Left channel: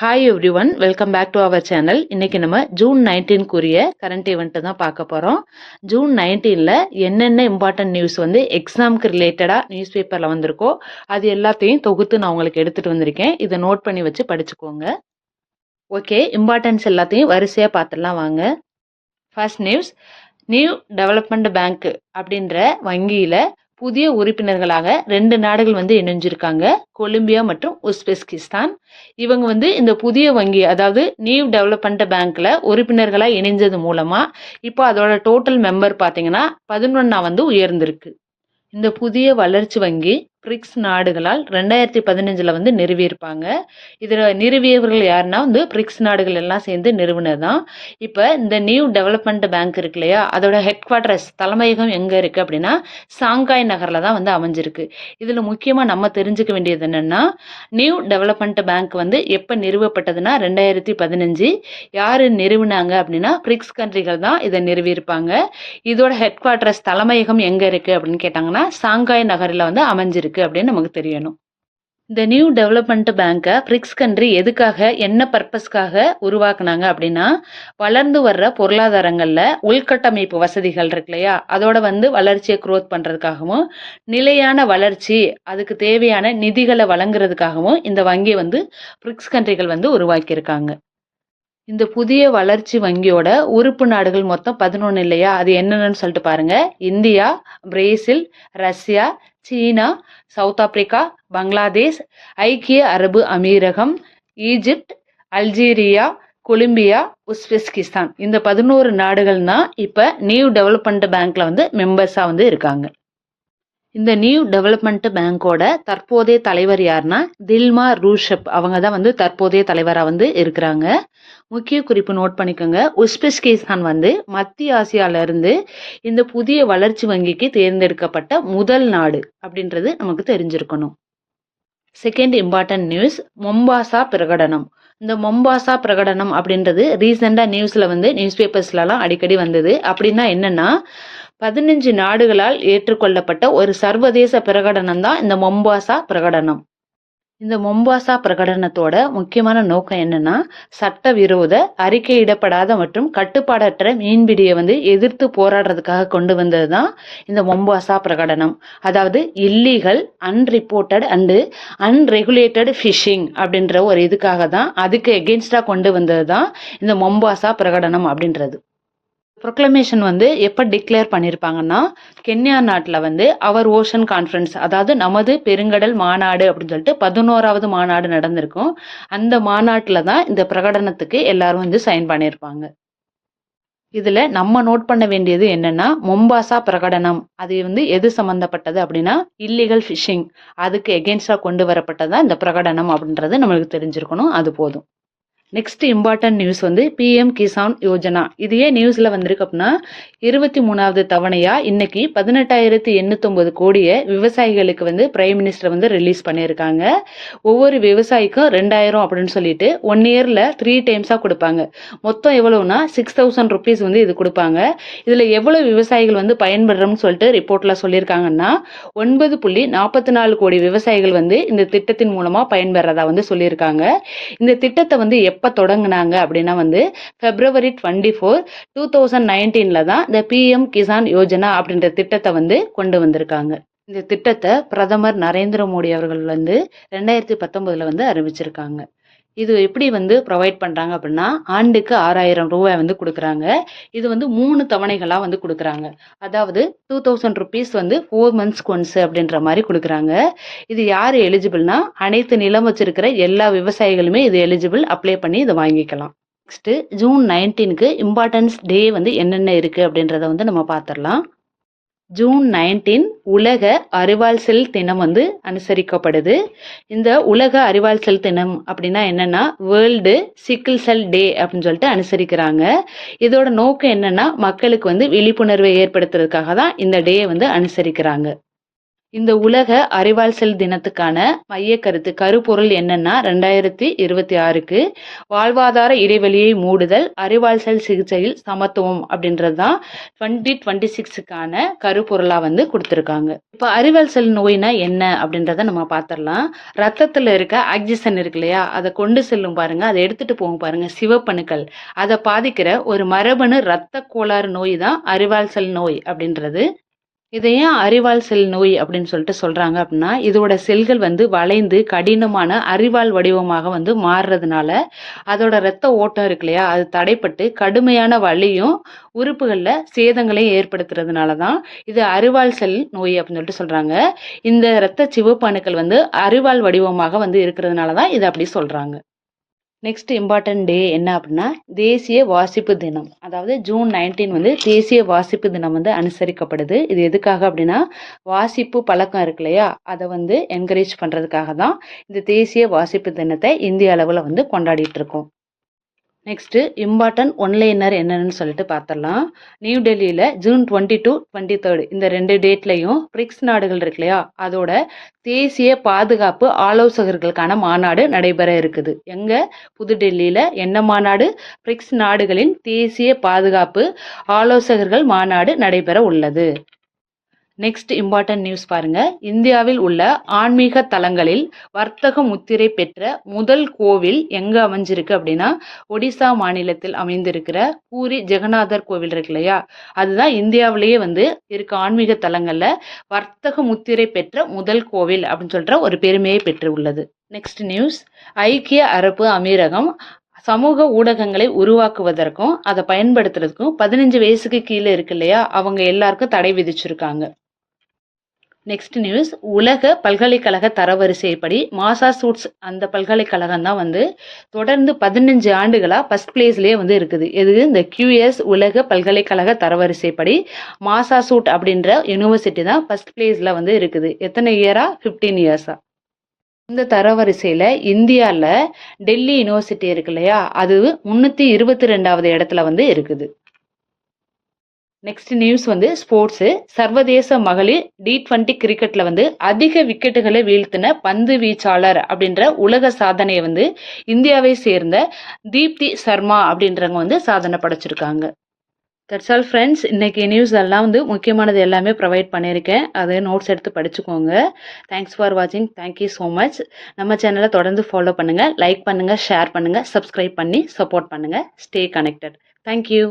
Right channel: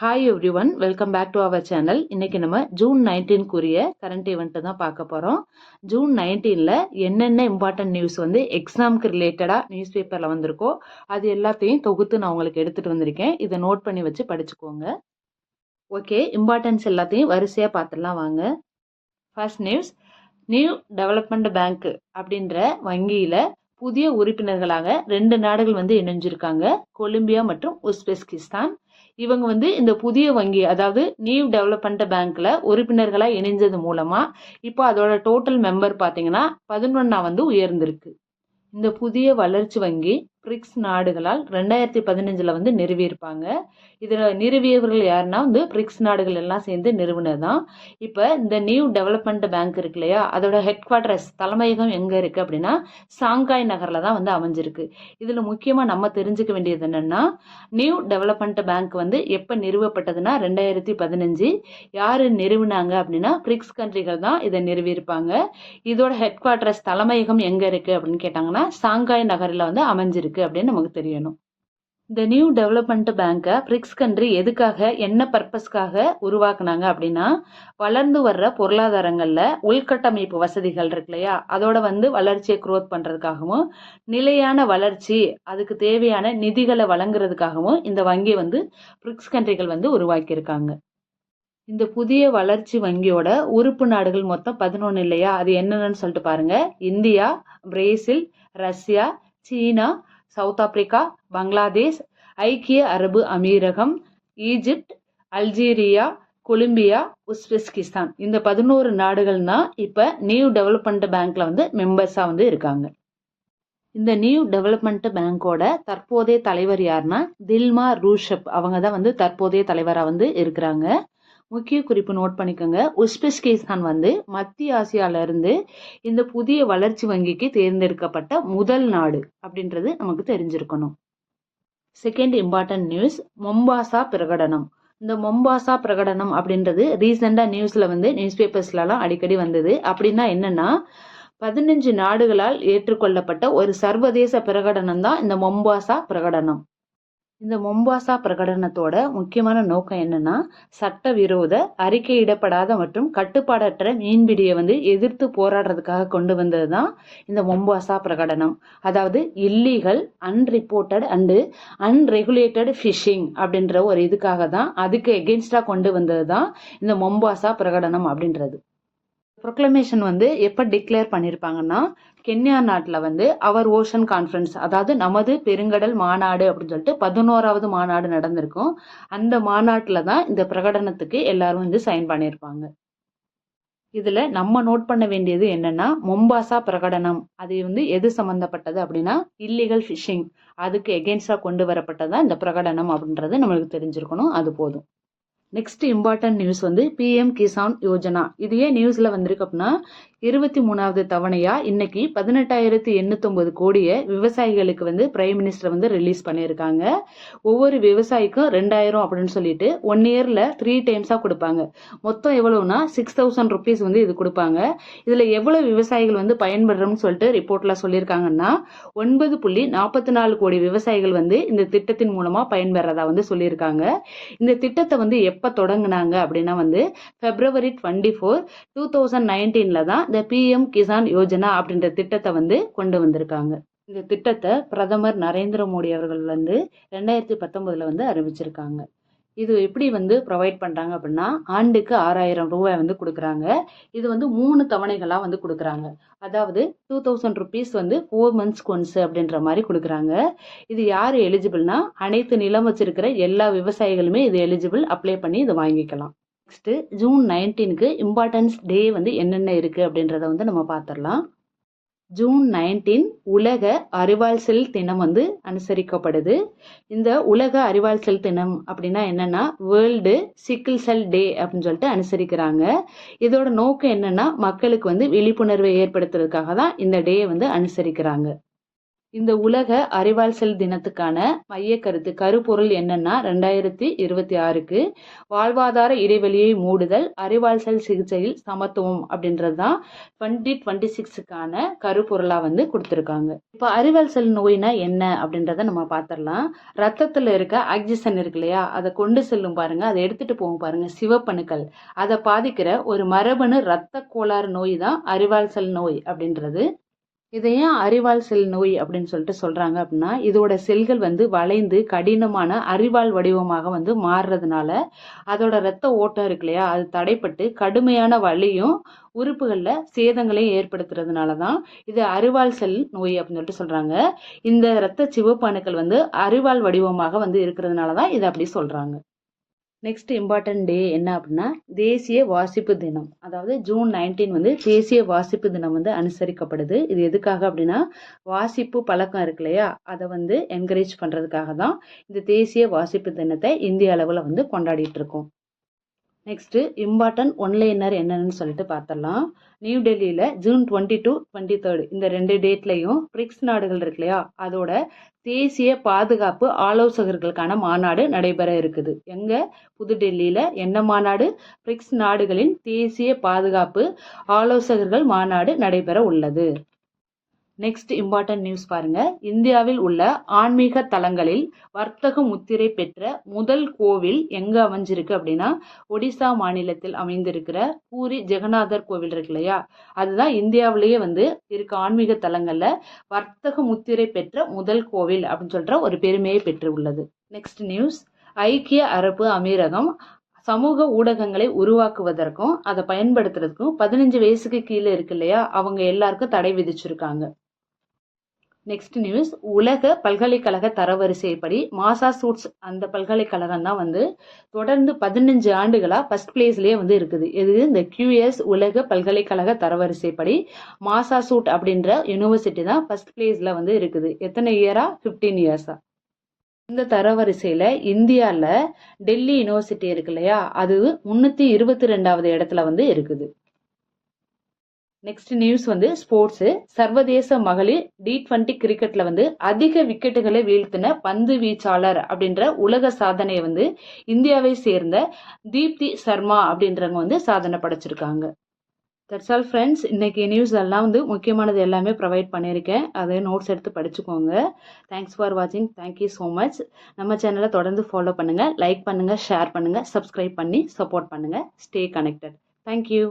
Hi everyone, welcome back to our channel. இன்னைக்கு நம்ம June 19க்குரிய current event தான் பார்க்க போகிறோம். ஜூன் 19ல் என்னென்ன இம்பார்ட்டன்ட் நியூஸ் வந்து எக்ஸாமுக்கு ரிலேட்டடாக நியூஸ் பேப்பரில் வந்திருக்கோ அது எல்லாத்தையும் தொகுத்து நான் உங்களுக்கு எடுத்துகிட்டு வந்திருக்கேன். இதை நோட் பண்ணி வச்சு படிச்சுக்கோங்க. ஓகே, இம்பார்ட்டன்ஸ் எல்லாத்தையும் வரிசையாக பார்த்துடலாம் வாங்க. First news, new development bank அப்படின்ற வங்கியில் புதிய உறுப்பினர்களாக 2 நாடுகள் வந்து இணைஞ்சிருக்காங்க, கொலம்பியா மற்றும் உஸ்பெஸ்கிஸ்தான். இவங்க வந்து இந்த புதிய வங்கி, அதாவது நியூ டெவலப்மெண்ட் பேங்க்ல உறுப்பினர்களாக இணைஞ்சது மூலமா இப்போ அதோட டோட்டல் மெம்பர் பார்த்தீங்கன்னா 11 வந்து உயர்ந்திருக்கு. இந்த புதிய வளர்ச்சி வங்கி பிரிக்ஸ் நாடுகளால் 2015 வந்து நிறுவியிருப்பாங்க. இதில் நிறுவியவர்கள் யாருன்னா வந்து பிரிக்ஸ் நாடுகள் எல்லாம் சேர்ந்து நிறுவனது தான். இப்போ இந்த நியூ டெவலப்மெண்ட் பேங்க் இருக்கு இல்லையா, அதோட ஹெட் குவார்ட்டர்ஸ் தலைமையகம் எங்கே இருக்குது அப்படின்னா சாங்காய் நகரில் தான் வந்து அமைஞ்சிருக்கு. இதில் முக்கியமாக நம்ம தெரிஞ்சுக்க வேண்டியது என்னென்னா, நியூ டெவலப்மெண்ட் பேங்க் வந்து எப்போ நிறுவப்பட்டதுன்னா 2015. யார் நிறுவினாங்க அப்படின்னா பிரிக்ஸ் கண்ட்ரிகள் தான் இதை நிறுவியிருப்பாங்க. இதோட ஹெட் குவார்ட்டர்ஸ் தலைமையகம் எங்கே இருக்குது அப்படின்னு கேட்டாங்கன்னா சாங்காய் நகரில் வந்து அமைஞ்சிருக்கு அப்படின்னு நமக்கு தெரியணும். இந்த நியூ டெவலப்மெண்ட் பேங்கை பிரிக்ஸ் கண்ட்ரி எதுக்காக, என்ன பர்பஸ்க்காக உருவாக்குனாங்க அப்படின்னா, வளர்ந்து வர்ற பொருளாதாரங்களில் உள்கட்டமைப்பு வசதிகள் இருக்கு இல்லையா, அதோட வந்து வளர்ச்சியை க்ரோத் பண்ணுறதுக்காகவும் நிலையான வளர்ச்சி அதுக்கு தேவையான நிதிகளை வழங்குறதுக்காகவும் இந்த வங்கியை வந்து பிரிக்ஸ் கண்ட்ரிகள் வந்து உருவாக்கியிருக்காங்க. இந்த புதிய வளர்ச்சி வங்கியோட உறுப்பு நாடுகள் மொத்தம் 11 இல்லையா, அது என்னென்னு சொல்லிட்டு பாருங்க. இந்தியா, பிரேசில், ரஷ்யா, சீனா, சவுத் ஆப்பிரிக்கா, பங்களாதேஷ், ஐக்கிய அரபு அமீரகம், ஈஜிப்ட், அல்ஜீரியா, கொலம்பியா, உஸ்பெஸ்கிஸ்தான். இந்த 11 நாடுகள் தான் இப்போ நியூ டெவலப்மெண்ட் பேங்க்ல வந்து மெம்பர்ஸா வந்து இருக்காங்க. இந்த நியூ டெவலப்மெண்ட் பேங்கோட தற்போதைய தலைவர் யாருன்னா தில்மா ரூஷப். அவங்க தான் வந்து தற்போதைய தலைவராக வந்து இருக்கிறாங்க. முக்கிய குறிப்பு நோட் பண்ணிக்கோங்க. உஸ்பெஸ்கிஸ்தான் வந்து மத்திய ஆசியால இருந்து இந்த புதிய வளர்ச்சி வங்கிக்கு தேர்ந்தெடுக்கப்பட்ட முதல் நாடு அப்படின்றது நமக்கு தெரிஞ்சிருக்கணும். செகண்ட் இம்பார்ட்டன்ட் நியூஸ், மொம்பாசா பிரகடனம். இந்த மொம்பாசா பிரகடனம் அப்படின்றது ரீசெண்டாக நியூஸில் வந்து நியூஸ் பேப்பர்ஸ்லாம் அடிக்கடி வந்தது. அப்படின்னா என்னன்னா, 15 நாடுகளால் ஏற்றுக்கொள்ளப்பட்ட ஒரு சர்வதேச பிரகடனம் தான் இந்த மொம்பாசா பிரகடனம். இந்த மொம்பாசா பிரகடனத்தோட முக்கியமான நோக்கம் என்னன்னா, சட்டவிரோத, அறிக்கையிடப்படாத மற்றும் கட்டுப்பாடற்ற மீன்பிடியை வந்து எதிர்த்து போராடுறதுக்காக கொண்டு வந்தது தான் இந்த மொம்பாசா பிரகடனம். அதாவது இல்லீகல், அன்ரிப்போர்ட்டட் அண்டு அன்ரெகுலேட்டட் ஃபிஷிங் அப்படின்ற ஒரு இதுக்காக தான், அதுக்கு எகென்ஸ்டாக கொண்டு வந்தது தான் இந்த மொம்பாசா பிரகடனம் அப்படின்றது. ப்ரொக்ளமேஷன் வந்து எப்போ டிக்ளேர் பண்ணியிருப்பாங்கன்னா, கென்யா நாட்டில் வந்து அவர் ஓஷன் கான்ஃபரன்ஸ், அதாவது நமது பெருங்கடல் மாநாடு அப்படின்னு சொல்லிட்டு 11வது மாநாடு நடந்திருக்கும். அந்த மாநாட்டில் தான் இந்த பிரகடனத்துக்கு எல்லாரும் வந்து சைன் பண்ணியிருப்பாங்க. இதில் நம்ம நோட் பண்ண வேண்டியது என்னன்னா, மொம்பாசா பிரகடனம் அது வந்து எது சம்மந்தப்பட்டது அப்படின்னா இல்லீகல் ஃபிஷிங், அதுக்கு எகென்ஸ்டாக கொண்டு வரப்பட்டதான் இந்த பிரகடனம் அப்படின்றது நம்மளுக்கு தெரிஞ்சிருக்கணும். அது போதும். நெக்ஸ்ட் இம்பார்ட்டன்ட் நியூஸ் வந்து பிஎம் கிசான் யோஜனா. இது ஏன் நியூஸில் வந்திருக்கு அப்படின்னா, 23வது தவணையாக இன்னைக்கு 18,809 கோடியை விவசாயிகளுக்கு வந்து பிரைம் மினிஸ்டர் வந்து ரிலீஸ் பண்ணியிருக்காங்க. ஒவ்வொரு விவசாயிக்கும் 2,000 அப்படின்னு சொல்லிட்டு 1 இயரில் 3 டைம்ஸாக கொடுப்பாங்க. மொத்தம் எவ்வளோன்னா 6,000 ருபீஸ் வந்து இது கொடுப்பாங்க. இதில் எவ்வளோ விவசாயிகள் வந்து பயன்படுறோம்னு சொல்லிட்டு ரிப்போர்ட்டில் சொல்லியிருக்காங்கன்னா, 9.44 கோடி விவசாயிகள் வந்து இந்த திட்டத்தின் மூலமாக பயன்பெறதா வந்து சொல்லியிருக்காங்க. இந்த திட்டத்தை வந்து எப்போ தொடங்கினாங்க அப்படின்னா வந்து February 24, 2019 தான் இந்த பிஎம் கிசான் யோஜனா அப்படின்ற திட்டத்தை வந்து கொண்டு வந்திருக்காங்க. இந்த திட்டத்தை பிரதமர் நரேந்திர மோடி அவர்கள் வந்து 2019 வந்து அறிவிச்சிருக்காங்க. இது எப்படி வந்து ப்ரொவைட் பண்ணுறாங்க அப்படின்னா, ஆண்டுக்கு 6,000 ரூபாய் வந்து கொடுக்குறாங்க. இது வந்து 3 தவணைகளாக வந்து கொடுக்குறாங்க. அதாவது 2,000 ருபீஸ் வந்து 4 monthsக்கு ஒன்ஸ் அப்படின்ற மாதிரி கொடுக்குறாங்க. இது யார் எலிஜிபிள்னா, அனைத்து நிலம் வச்சிருக்கிற எல்லா விவசாயிகளுமே இது எலிஜிபிள், அப்ளை பண்ணி இதை வாங்கிக்கலாம். நெக்ஸ்ட்டு ஜூன் 19க்கு இம்பார்ட்டன்ஸ் டே வந்து என்னென்ன இருக்குது அப்படின்றத வந்து நம்ம பார்த்துடலாம். ஜூன் 19 உலக அறிவால் செல் தினம் வந்து அனுசரிக்கப்படுது. இந்த உலக அறிவால் செல் தினம் அப்படின்னா என்னன்னா, வேர்ல்டு சிக்கிள் செல் டே அப்படின்னு சொல்லிட்டு அனுசரிக்கிறாங்க. இதோட நோக்கம் என்னன்னா, மக்களுக்கு வந்து விழிப்புணர்வை ஏற்படுத்துறதுக்காக தான் இந்த டே வந்து அனுசரிக்கிறாங்க. இந்த உலக அறிவால் தினத்துக்கான மைய கருத்து கருப்பொருள் என்னன்னா 2026க்கு வாழ்வாதார இடைவெளியை மூடுதல் அறிவால் சிகிச்சையில் சமத்துவம் அப்படின்றது தான் 2026க்கான கருப்பொருளா வந்து கொடுத்துருக்காங்க. இப்போ அறிவால் நோய்னா என்ன அப்படின்றத நம்ம பார்த்துடலாம். ரத்தத்தில் இருக்க ஆக்சிஜன் இருக்கு இல்லையா, அதை கொண்டு செல்லும் பாருங்க, அதை எடுத்துட்டு போகும் பாருங்க சிவப்பணுக்கள், அதை பாதிக்கிற ஒரு மரபணு இரத்த கோளாறு நோய் தான் அறிவால் நோய் அப்படின்றது. இதை ஏன் அறிவால் செல் நோய் அப்படின்னு சொல்லிட்டு சொல்றாங்க அப்படின்னா, இதோட செல்கள் வந்து வளைந்து கடினமான அறிவால் வடிவமாக வந்து மாறுறதுனால அதோட இரத்த ஓட்டம் இருக்கு இல்லையா, அது தடைப்பட்டு கடுமையான வலியும் உறுப்புகளில் சேதங்களையும் ஏற்படுத்துறதுனால தான் இது அறிவால் செல் நோய் அப்படின்னு சொல்லிட்டு சொல்றாங்க. இந்த இரத்த சிவப்பு அணுக்கள் வந்து அறிவால் வடிவமாக வந்து இருக்கிறதுனால தான் இது அப்படி சொல்றாங்க. நெக்ஸ்ட் இம்பார்ட்டன்ட் டே என்ன அப்படின்னா தேசிய வாசிப்பு தினம். அதாவது ஜூன் 19 வந்து தேசிய வாசிப்பு தினம் வந்து அனுசரிக்கப்படுது. இது எதுக்காக அப்படின்னா வாசிப்பு பழக்கம் இருக்கு இல்லையா, அதை வந்து என்கரேஜ் பண்ணுறதுக்காக தான் இந்த தேசிய வாசிப்பு தினத்தை இந்திய அளவில் வந்து கொண்டாடிட்டு இருக்கோம். நெக்ஸ்ட்டு இம்பார்ட்டன்ட் ஒன்லைனர் என்னன்னு சொல்லிட்டு பார்த்துடலாம். நியூ டெல்லியில் ஜூன் 22, 23 இந்த 2 டேட்லையும் பிரிக்ஸ் நாடுகள் இருக்கு இல்லையா, அதோட தேசிய பாதுகாப்பு ஆலோசகர்களுக்கான மாநாடு நடைபெற இருக்குது. எங்கே? புதுடெல்லியில். என்ன மாநாடு? பிரிக்ஸ் நாடுகளின் தேசிய பாதுகாப்பு ஆலோசகர்கள் மாநாடு நடைபெற உள்ளது. நெக்ஸ்ட் இம்பார்ட்டன்ட் நியூஸ் பாருங்க. இந்தியாவில் உள்ள ஆன்மீக தலங்களில் வர்த்தக முத்திரை பெற்ற முதல் கோவில் எங்க அமைஞ்சிருக்கு அப்படின்னா ஒடிசா மாநிலத்தில் அமைந்திருக்கிற பூரி ஜெகநாதர் கோவில் இருக்கு இல்லையா, அதுதான் இந்தியாவிலேயே வந்து இருக்க ஆன்மீக தலங்கள்ல வர்த்தக முத்திரை பெற்ற முதல் கோவில் அப்படின்னு சொல்ற ஒரு பெருமையை பெற்று உள்ளது. நெக்ஸ்ட் நியூஸ், ஐக்கிய அரபு அமீரகம் சமூக ஊடகங்களை உருவாக்குவதற்கும் அதை பயன்படுத்துறதுக்கும் 15 வயசுக்கு கீழே இருக்கு இல்லையா, அவங்க எல்லாருக்கும் தடை விதிச்சிருக்காங்க. நெக்ஸ்ட் நியூஸ், உலக பல்கலைக்கழக தரவரிசைப்படி மாசாசூட்ஸ் அந்த பல்கலைக்கழகம் தான் வந்து தொடர்ந்து 15 ஆண்டுகளாக ஃபர்ஸ்ட் பிளேஸ்லேயே வந்து இருக்குது. இது இந்த QS உலக பல்கலைக்கழக தரவரிசைப்படி மாசாசூட் அப்படின்ற யூனிவர்சிட்டி தான் ஃபர்ஸ்ட் பிளேஸில் வந்து இருக்குது. எத்தனை இயரா? 15 இயர்ஸா. இந்த தரவரிசையில் இந்தியாவில் டெல்லி யூனிவர்சிட்டி இருக்கு இல்லையா, அது 322வது இடத்துல வந்து இருக்குது. நெக்ஸ்ட் நியூஸ் வந்து ஸ்போர்ட்ஸு. சர்வதேச மகளிர் T20 கிரிக்கெட்டில் வந்து அதிக விக்கெட்டுகளை வீழ்த்தின பந்து வீச்சாளர் அப்படின்ற உலக சாதனையை வந்து இந்தியாவை சேர்ந்த தீப்தி சர்மா அப்படின்றவங்க வந்து சாதனை படைச்சிருக்காங்க. That's all friends. இன்றைக்கி நியூஸ் எல்லாம் வந்து முக்கியமானது எல்லாமே ப்ரொவைட் பண்ணியிருக்கேன். அதை நோட்ஸ் எடுத்து படிச்சுக்கோங்க. தேங்க்ஸ் ஃபார் வாட்சிங். Thank you so much. நம்ம சேனலை தொடர்ந்து ஃபாலோ பண்ணுங்கள், லைக் பண்ணுங்கள், ஷேர் பண்ணுங்கள், சப்ஸ்கிரைப் பண்ணி சப்போர்ட் பண்ணுங்கள். Stay connected. தேங்க்யூ.